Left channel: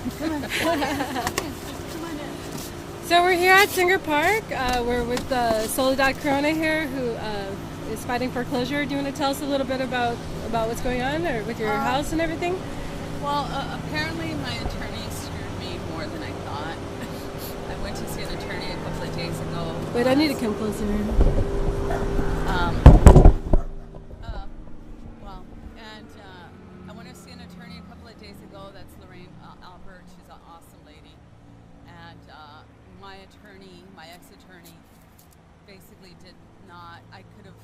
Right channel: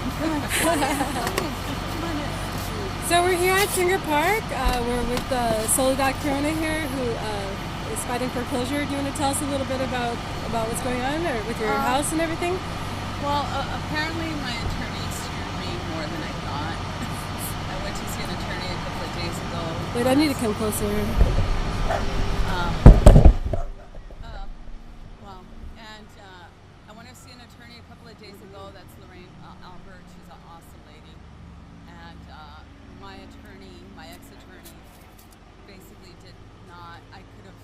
So we're here at Singer Park. We're with Solidad Corona here, who is fighting foreclosure. Do you want to tell us a little bit about what's going on, or with your house and everything? Well, apparently my attorney screwed me more than I thought. I went to see an attorney a couple of days ago. Wait, I need to come closer. I went to see an attorney a couple of days ago. That's Lorraine Albert. She's an awesome lady. And my attorney, my ex-attorney, basically did not, I could have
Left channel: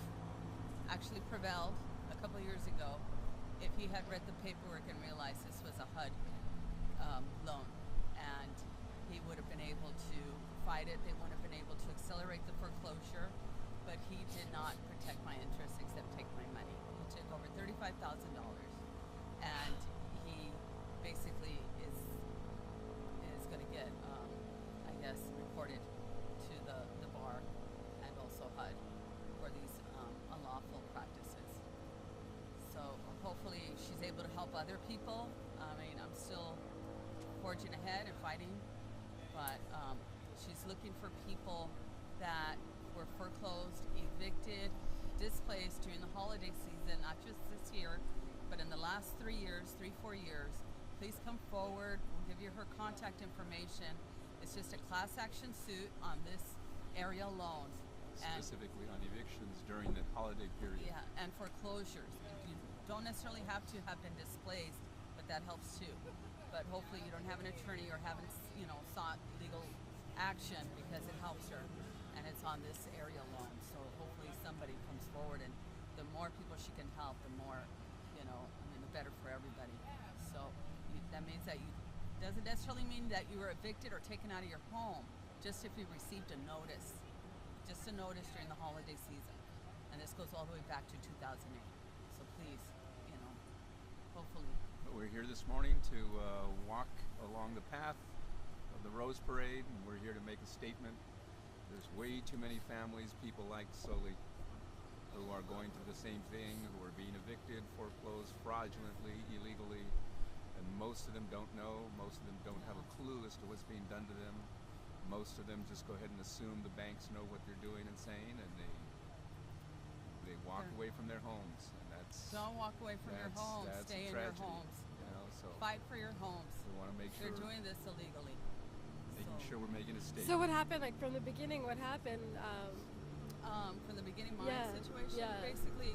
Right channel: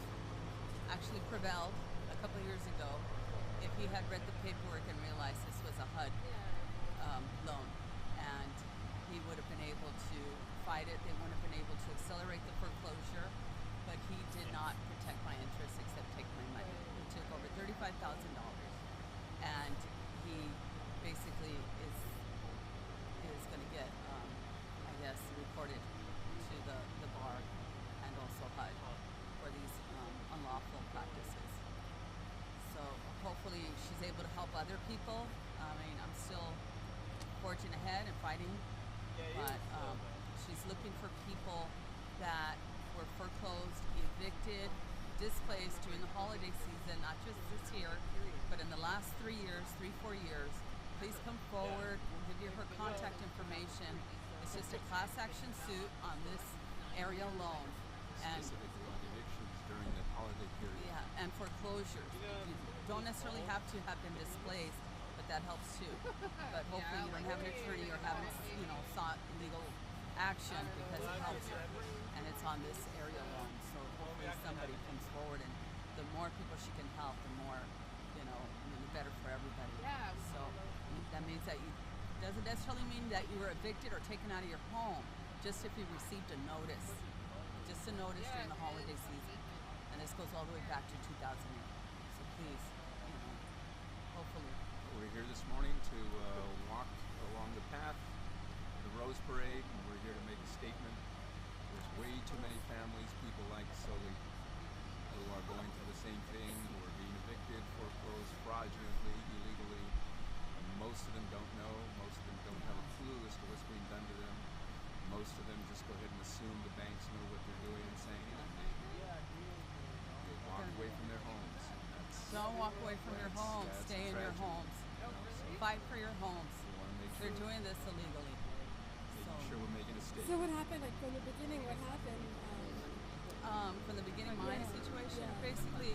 actually prevailed a couple of years ago if he had read the paperwork and realized this was a HUD loan. And he would have been able to fight it. They wouldn't have been able to accelerate the foreclosure, but he did not protect my interests except take my money. He took over $35,000, and he basically is going to get, I guess, reported to the bar and also HUD for these unlawful practices. So hopefully she's able to help other people. I mean, I'm still forging ahead and fighting, but she's looking for people that were foreclosed, evicted, displaced during the holiday season, not just this year, but in the last 3 years, 4 years. Please come forward. We'll give you her contact information. It's just a class action suit on this area alone. Specifically on evictions during the holiday period. Yeah, and foreclosures. You don't necessarily have to have been displaced, but that helps too. But hopefully you don't have an attorney or haven't, sought legal action, because it helps her. And it's on this area alone. So hopefully somebody comes forward, and the more people she can help, the more, the better for everybody. So that means that doesn't necessarily mean that you were evicted or taken out of your home, just if you received a notice. Just a notice during the holiday season. And this goes all the way back to 2008. So please, hopefully. We're here this morning to walk along the path of the Rose Parade, and we're here to make a statement. There's way too many families, people like Soli, who are going through the same thing, who are being evicted, foreclosed fraudulently, illegally, and most of them don't know, most of them don't have a clue as to what's being done to them. Most of them just go ahead and assume the banks know what they're doing and saying, and they walk away from their homes. And don't walk away from your homes. Stay in your homes. So fight for your homes. We want to make sure they're doing this illegally. Making sure we're making a statement. So what happened? Like from the beginning, what happened? From the beginning, my situation, basically,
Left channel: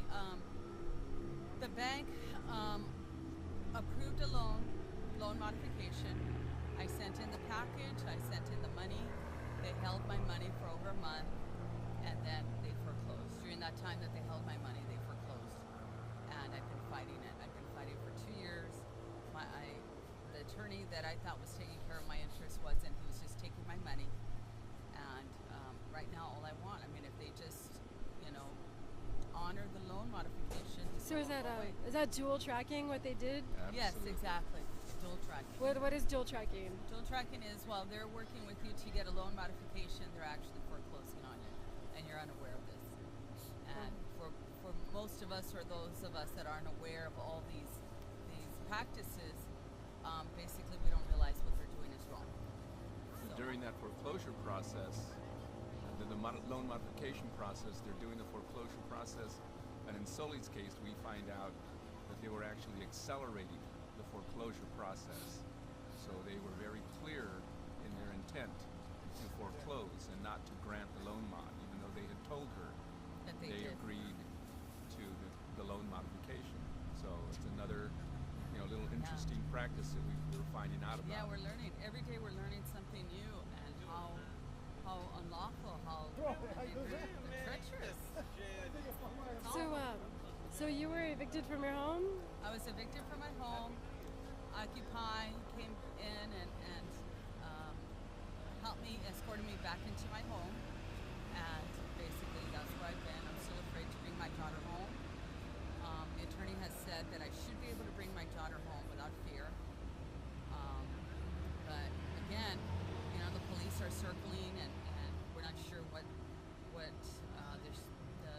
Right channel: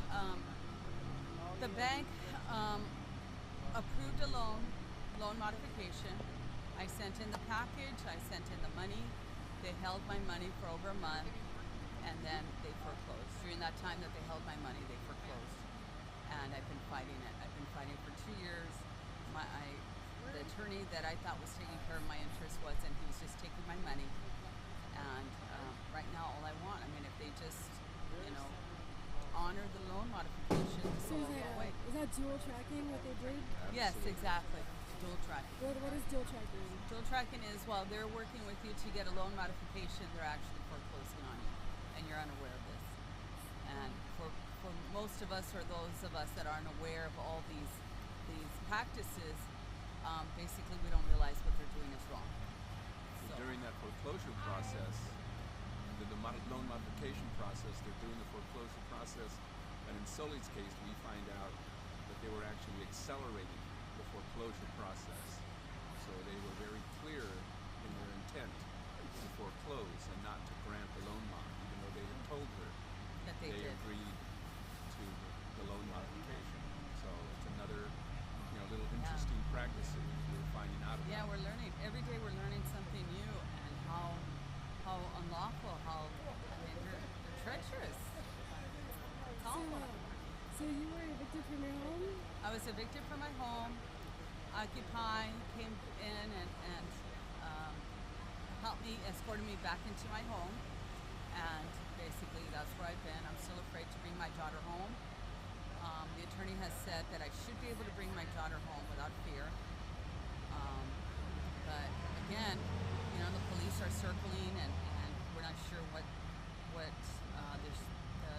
the bank approved a loan modification. I sent in the package, I sent in the money. They held my money for over a month, and then they foreclosed. During that time that they held my money, they foreclosed. And I've been fighting it. I've been fighting for 2 years. The attorney that I thought was taking care of my interests wasn't. He was just taking my money. And right now, all I want, if they just, honor the loan modification. So is that dual tracking what they did? Absolutely. Yes, exactly. Dual tracking. What is dual tracking? Dual tracking is while they're working with you to get a loan modification, they're actually foreclosing on you, and you're unaware of this. And for most of us, or those of us that aren't aware of all these practices, basically we don't realize what they're doing is wrong. So during that foreclosure process, the loan modification process, they're doing the foreclosure process, and in Soli's case, we find out that they were actually accelerating the foreclosure process. So they were very clear in their intent to foreclose and not to grant the loan mod, even though they had told her that they agreed to the loan modification. So it's another little interesting practice that we're finding out about. Yeah, we're learning. Every day we're learning something new, and how unlawful, they're treacherous. So you were evicted from your home? I was evicted from my home. Occupy came in and helped me, escorted me back into my home, and basically that's where I've been. I'm still afraid to bring my daughter home. The attorney has said that I should be able to bring my daughter home without fear. But again, the police are circling, and we're not sure what the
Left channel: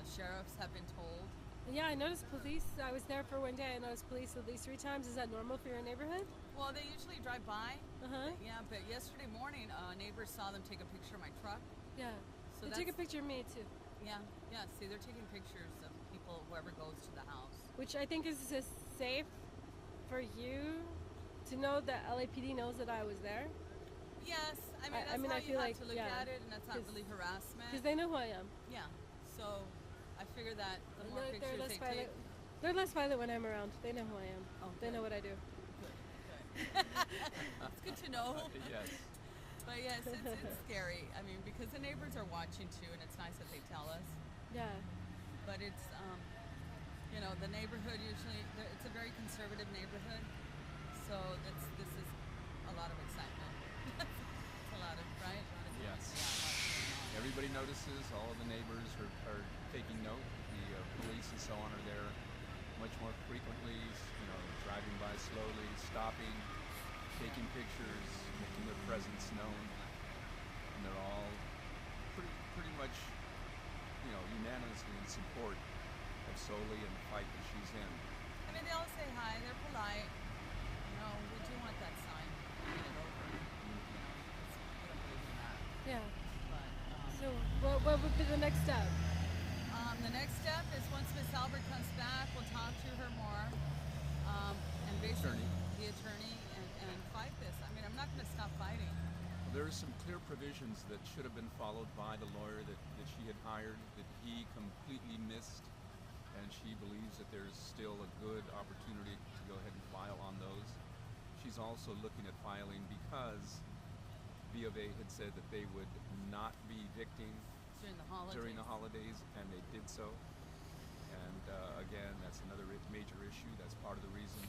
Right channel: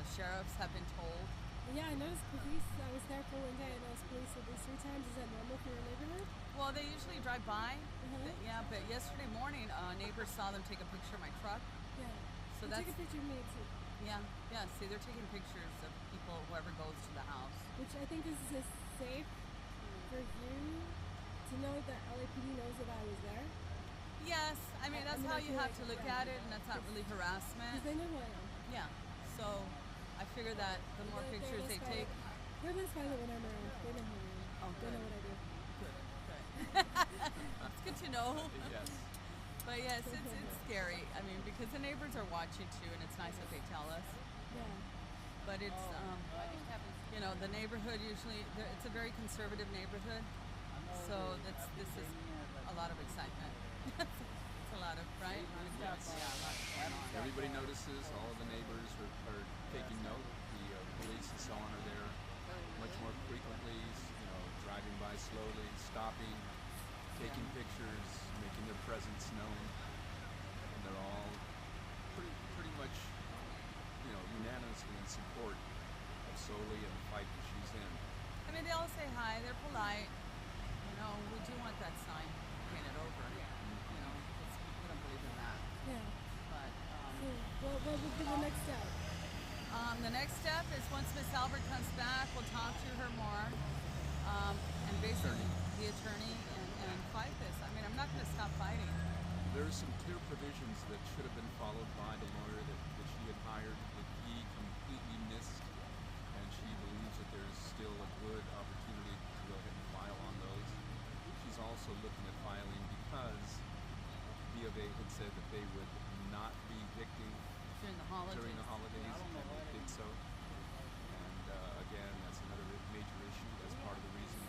sheriffs have been told. Yeah, I noticed police. I was there for one day. I noticed police at least 3 times. Is that normal for your neighborhood? Well, they usually drive by. Uh-huh. Yeah, but yesterday morning, neighbors saw them take a picture of my truck. Yeah. So They that's took a picture of me too, yeah. See, they're taking pictures of people, whoever goes to the house. which I think is just safe for you to know that LAPD knows that I was there, Yes, I mean that's I how you feel have like, to look yeah. at it, and that's not really harassment. because they know who I am. Yeah. So I figure that the more They're pictures less they violent. take, They're less violent when I'm around. They know who I am. Oh, They know good. what I do. good. It's good to know. Yes. But yes, it's scary. I mean, because the neighbors are watching too, and it's nice that they tell us. Yeah. But it's, the neighborhood usually, it's a very conservative neighborhood. So this is a lot of excitement. It's a lot of, right? A lot of Yes. Yeah, a lot going on. Everybody notices. All of the neighbors are taking note. The police and so on are there much more frequently. Driving by slowly, stopping, taking pictures, making their presence known, and they're all pretty much, unanimously in support of Soli and the fight that she's in. I mean, they all say hi. They're polite. We do want that sign painted over. Because we don't believe in that. Yeah. But So what would be the next step? the next step is once Miss Albert comes back, we'll talk to her more. And basically, the attorney, and fight this. I mean, I'm not going to stop fighting. There are some clear provisions that should have been followed by the lawyer that she had hired that he completely missed, and she believes that there's still a good opportunity to go ahead and file on those. She's also looking at filing because B of A had said that they would not be evicting During the holidays. and they did so. And again, that's another major issue. That's part of the reason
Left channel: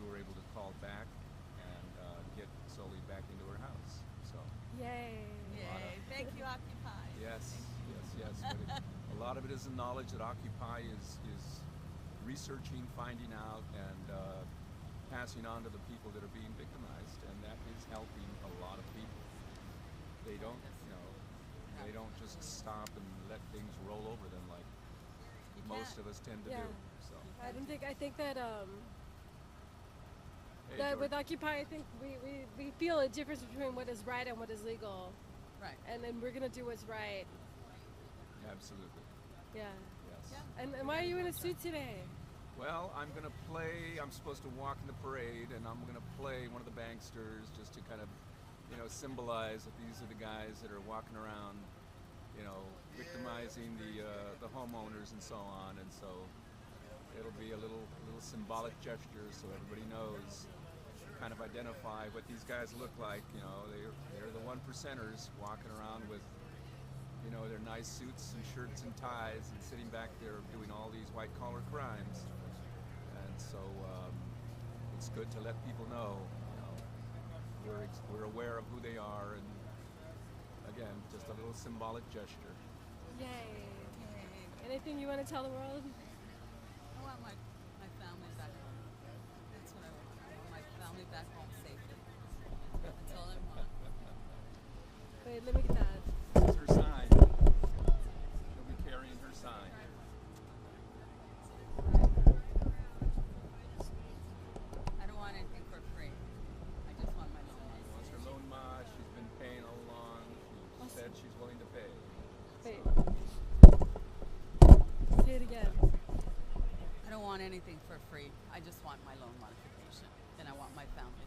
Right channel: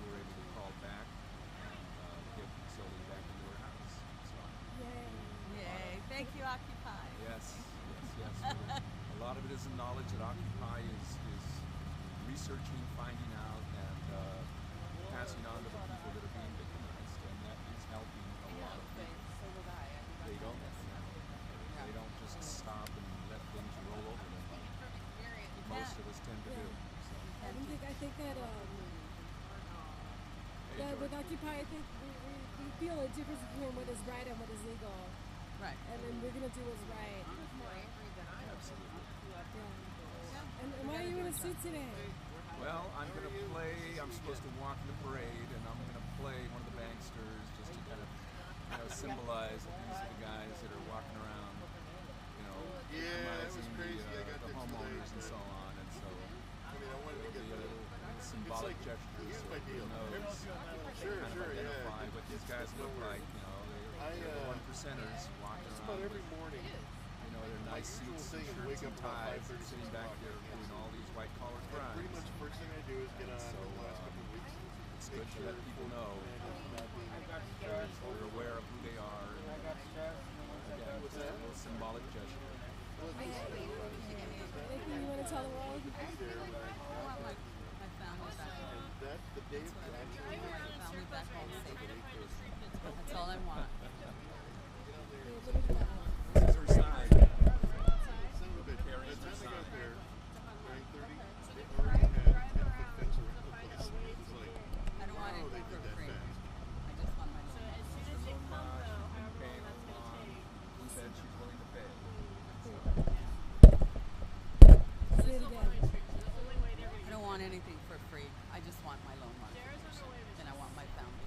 we were able to call back and get Soli back into her house. So Yay. Yay. Thank you, Occupy. yes. But a lot of it is the knowledge that Occupy is researching, finding out, and passing on to the people that are being victimized, and that is helping a lot of people. They don't, they don't just stop and let things roll over them like most of us tend to do. So, I think that hey, that with George. Occupy, I think we feel a difference between what is right and what is legal, Right. and then we're gonna do what's right. Absolutely. Yeah. Yeah. And why are you in a suit today? Well, I'm supposed to walk in the parade, and I'm going to play one of the banksters just to kind of, symbolize that these are the guys that are walking around, victimizing the homeowners and so on. And so it'll be a little symbolic gesture so everybody knows, kind of identify what these guys look like. They're the one percenters walking around with their nice suits and shirts and ties and sitting back there doing all these white-collar crimes. And so it's good to let people know, we're aware of who they are, and again, just a little symbolic gesture. Yay. Yay. Anything you want to tell the world? I want my family back home. That's what I want. I want my family back home safely. That's all I want. Wait, let me get that. This is her sign. She'll be carrying her sign. I don't want anything for free. I just want my loan money. It's her loan ma. She's been paying all along. She said she's willing to pay. Wait. Say it again. I don't want anything for free. I just want my loan modification, and I want my family.